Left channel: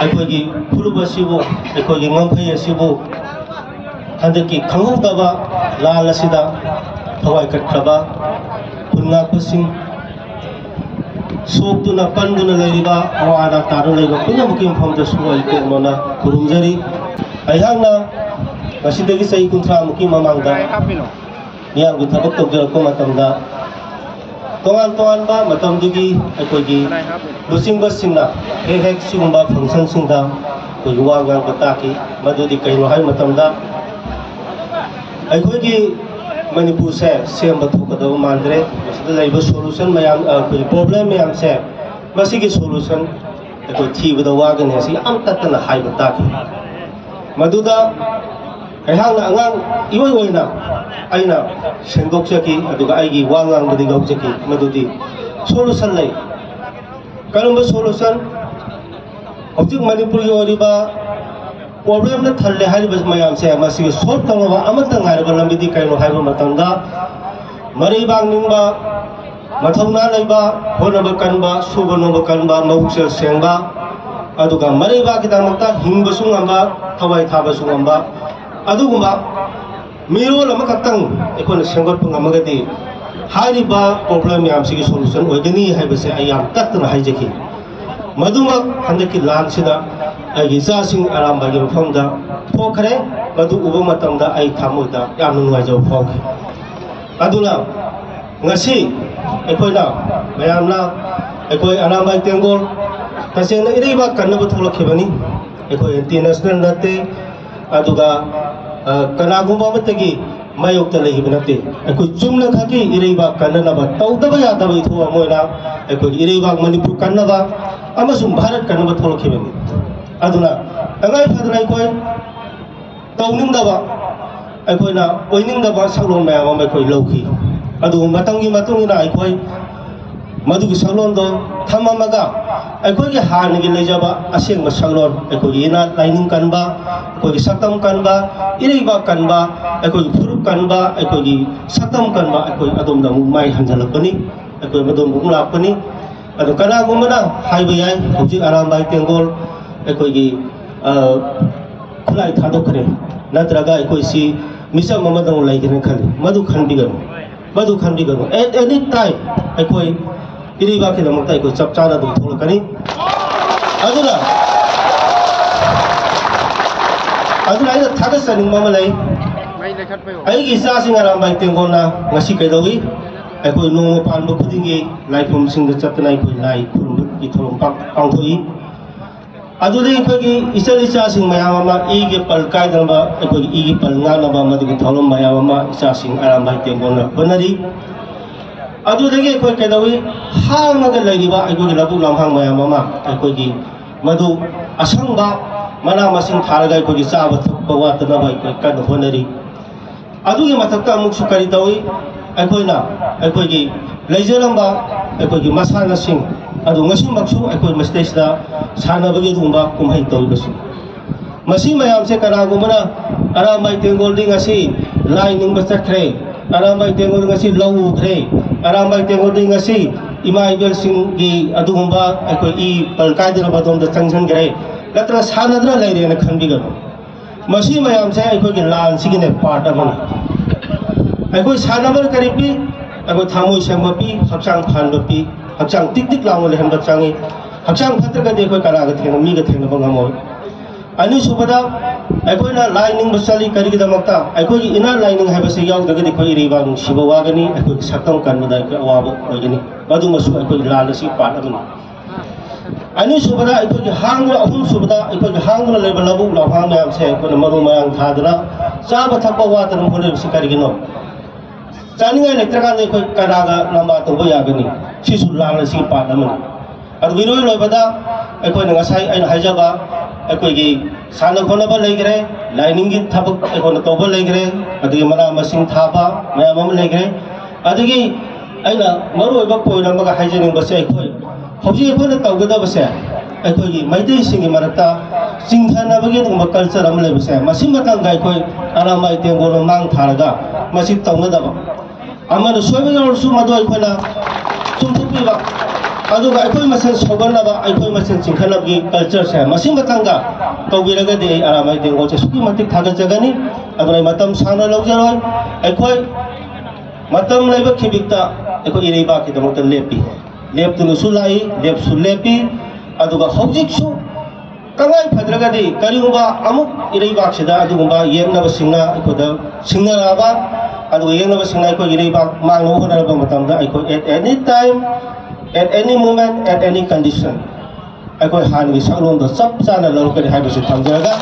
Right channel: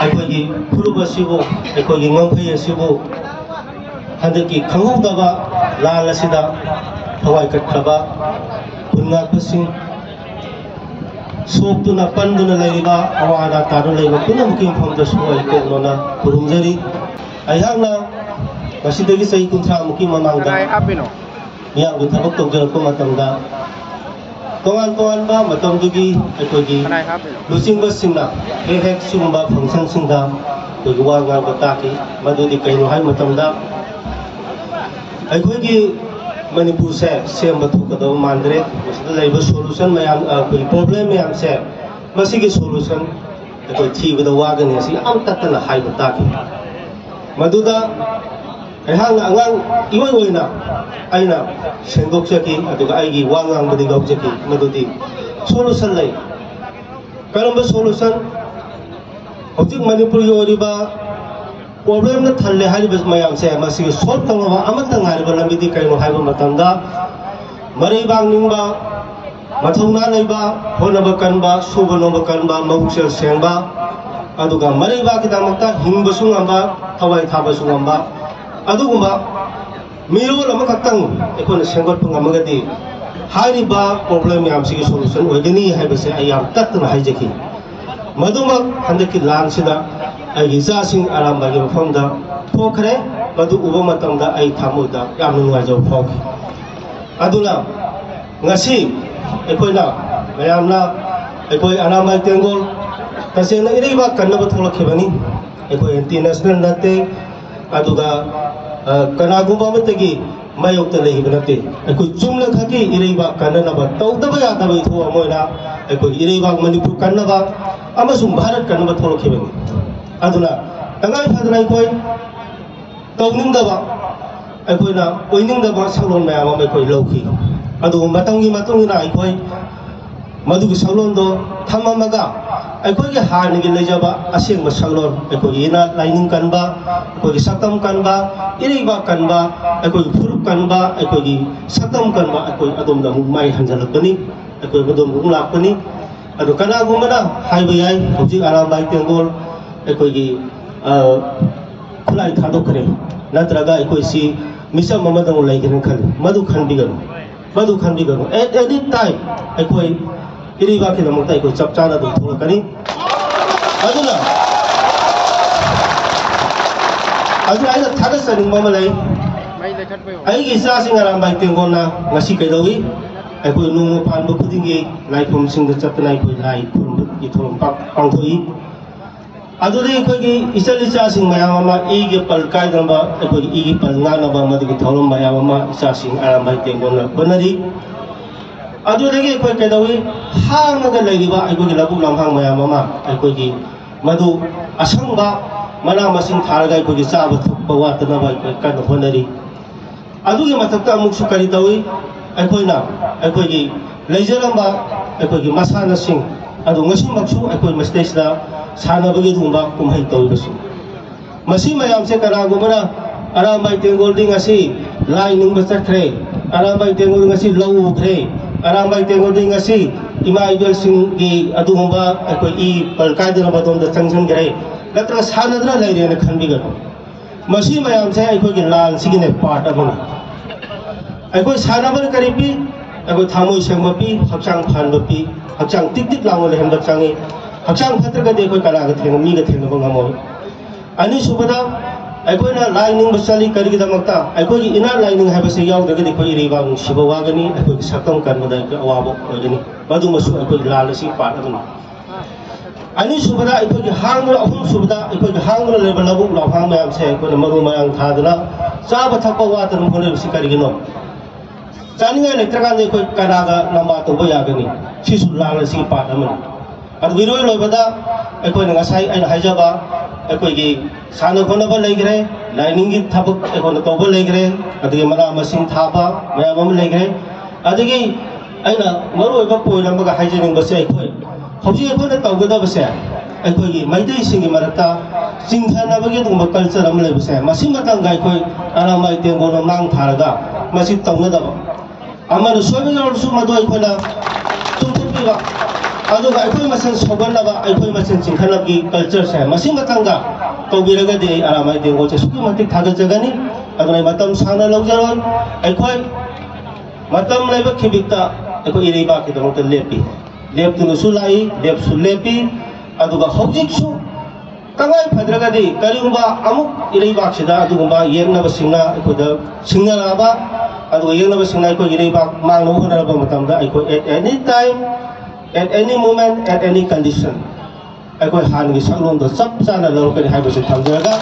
ꯑꯩꯈꯣꯏꯒꯤ ꯐꯨꯔꯨꯞ ꯑꯁꯤꯕꯨ ꯑꯩꯈꯣꯏꯒꯤ ꯉꯝꯈꯩ ꯑꯁꯤꯕꯨ ꯍꯟꯗꯛꯀꯤ ꯈꯪꯍꯧꯗꯕ ꯂꯥꯜ ꯑꯁꯤꯗ ꯊꯋꯥꯏ ꯀꯠꯈ꯭ꯔꯕ ꯈꯨꯟꯉꯥꯛꯄꯁꯤꯡ ꯁꯣꯛꯇꯨꯅ ꯄꯟꯗꯨꯅ ꯂꯩꯔꯤꯕ ꯑꯋꯥ ꯑꯅꯥ ꯇꯥꯗꯨꯅ ꯂꯩꯕ ꯄꯨꯝꯅꯃꯛꯀꯤ ꯃꯐꯝꯗꯁꯨ ꯑꯩ ꯇꯦꯛꯅꯣꯅ ꯈꯨꯔꯨꯝꯖꯔꯤ ꯑꯩꯍꯥꯛꯅ ꯉꯁꯤꯗꯒꯤ ꯆꯍꯤ 30 ꯃꯨꯛꯀꯤ ꯃꯃꯥꯡꯗ ꯃꯤꯌꯥꯝꯒꯤ ꯊꯕꯛ ꯇꯧꯖꯔꯛꯄ ꯃꯇꯝꯗ तोान तोानबा मतमदुगी अखोगी लुचिंगबसिंगना हेक हेक सिगुंबा फंक्शन सिंगदा कोई वागा बताकी मदुदी कइनो हाय मतमदा अखोगी मणिपुर से सेम बथुकदव मांद्रे मसद लाइब सॉल्यूशन मयाम कोई प्रॉब्लम मयाम से मसिगी सॉल्यूशन अखो थीबदा वागने असि आम ततना हाय बताकी मदुदा एहांग अंगांग इवय वयना आइना सेंदोक्चकी अदुगा आइगी वांगांगबदि गौचकी मदुदी सॉल्यूशन लै करम सॉल्यूशन हौजिक मणिपुर ओरिबा प्रॉब्लम न थल्ले हारिबस मयाम से मसी सॉल्व तंगबा अमतंग हारिबा लंबिदि कइनो हाइबा मतंदा मरै बांगनिंबा मथौना लैबा होनबा कनबा सुबनबा कनबा मौसे सेंबा अदुगा मरै बा किदामक्ता हिंबसु ngamba थवाई थाबसु ngamba अदुगुंबा मिरोल अमखतंग एकोन सेंगोट ngमगदि हारिबा प्रॉब्लम यामसिगी सॉल्यूशन ओइगनी हाइबसे आयाम तत्तना हाइजकी मदुमक हंदकी लानसिदा आइगी जासिंग आरामबागी मफमदा थोखरे मदु उबो मतमदा आइ थामुदा याम नुवाइजो फोखि अदुना ngasi एकोइना मयामना एकोइ आरामबाई तेंगोल तसेना इरिबा कन्नबा थोलखिबनी एकोइ इंटरनेशनल नते अदुगा कनागुंबा मतगी मायोक्ता लेहिबा नते एकोइ चुमना खाकी इरिबा कन्ननबा तौदबा यादबा इथोआ मोइना एकोइ इरिबा मणिपुर कन्नबा अमसुम भारत कन्नबा थोलखिबनी अदुना तंगाई फादना एकोइ तौनिंगदबा एकोइना ओइनिंगदबा सगलोन मयाम अमा एकोइ लौखि अदु मतंगी मतुंगिना एकोइ मदुगी सगलोनदो थममगा एकोइगे हारनिगी लेजबा असेंबा सगलोन एकोइ इना लाइनिंग कन्बा एकोइगी सतम कन्बा इरिबा कन्बा एकोइगी फुरुप कन्बा एकोइगी सतम कन्बा एकोइ अदोमदा माइ हंजलपनी एकोइ मदोम बुंलापनी अदो कनागुमना हाइबा याय हौजिक आरामबाई तेंगोल एकोइगी खुलाई थादोखरे नत्रगा एकोइसी मिसम ममदंग लाइगेन खनि मदु खंबिगन एट एनी टाइम एकोइ इरिबा के नमक्ता एकोइ चपचाना दो थोलकनी अदुना अदुना आइना थादा सनिंग मम लै आइगी इसासिंग आरामबाई तेंगोलना ngasi कइदौई एकोइ नोंग पानबो खुदिंगी लाइफम सिंग चपतना एकोइ लाई खुरुम इथोम पांगथोई अदुदि एकोइगी इचल इचासिंग मयाम अमा इगे पल काइदंबा एकोइगी इगे पल नानबा मदुगी थौलम मयाम अमा इचासिंग आरामबाई तेंगोलना बनरी अदुदगी एकोइ कइदौई हांगनगा लैरिबा एकोइगी लबुक लमहांग मयाम अमा एकोइगी मदु असंबा मना मसिंग थारगा एकोइगी चाबा थक्पा वातनबा एकोइ कन होनरी अदुगी मथक्ता अमुकसु करि तौई एकोइना एकोइगी लैजरंबा एकोइगी मसानासिंग अदु ngasimaksu ekoi mastesda sanabagi dumba kumhai toibasi masi mayam se kanagumana arambai tengol ding asi lining basakre arambai tengol ngasi lawu khre arambai tengol ding asi imaibel sing gi adumba ekoi I palkaidra badon da changsan gre latra sanadra laire na khandiga masi mayam se ekoi gi lan sigine part amana ekoi sanabar karipi ekoi thamoi sengmapi hakchang phanbapi हक्चांग टिक टिक लावो लेहन बच्चांगी हक्चांग फत्रगा देखो कनागा थेनो मीगा थेनो बंगामो अनि सुबदा अकोइना lining बसली करिगी दमक्ता अकोइगी इना lining हाबसे यावदगदि खोइ रिबा सिबवागनी अकोइगी सतम कनबदा अवाबो ओगनी मदुमसु अकोइगी लालसी पादगनी अनि सुबदा अकोइगी Hong अहुम सुबदा अकोइगी Hong label लबु लफा मयाम से अकोइना मरु मयाम थादना चाबा थपा वातन होने बिसि करिगिनो चानिंगा लेत्रगा देखो कनागा लंबा तोबो यागनी सिसु लालसी पादमन अद विरोय लोबदा अकोइना ngасai आइना हाइजाबा अकोइगी सानो खनबा लैगरे लाइनिंग की थबक अकोइना तोबा लैगरे अदि मरा मसिंग थाबा मयाम लैगरे अदगी आइना मरुबा पोइरमगा हाइजनिंग बसे अकोइ हौजि अकोइना तौगदा बसे अकोइगी मैदै सिंगी मरता चिंथानबगी दुंबा कल्चर अम लेबसे मसि मतंगा अकोइ आरामबाई तेंगोल मांग थारगा मसि तौनदबा अमन सोबे योलसु मदो अकोइना अदुगा अखोई मसन सोगनबा अखोई मसन चिंखनबगी कल्चर से मसी मतंगा तौबिरगदि आरामाई देंगो से सुकी मतिक थागजगनी अदुनाई मतम साना लौजरोय अखोई मतम लेब खिबिकता अखोई इरेबा की दमत लेपी लेपतुनुसु लाई लेपसु लेपी अदुगा हौजिकसु कंगाई फद्रगदि करिगुबा अमुक इरेबा सिदा अदुगुबा येंगनबा सिंगा अखोदा सिंगराबा अदुगा येंगनबा सिंगा अखोई इरेबा मांगनो होनरबा मतमदा अखोई at any time at any moment, at any condition, I could hand this alone the sub channel of the habits of Tanzania.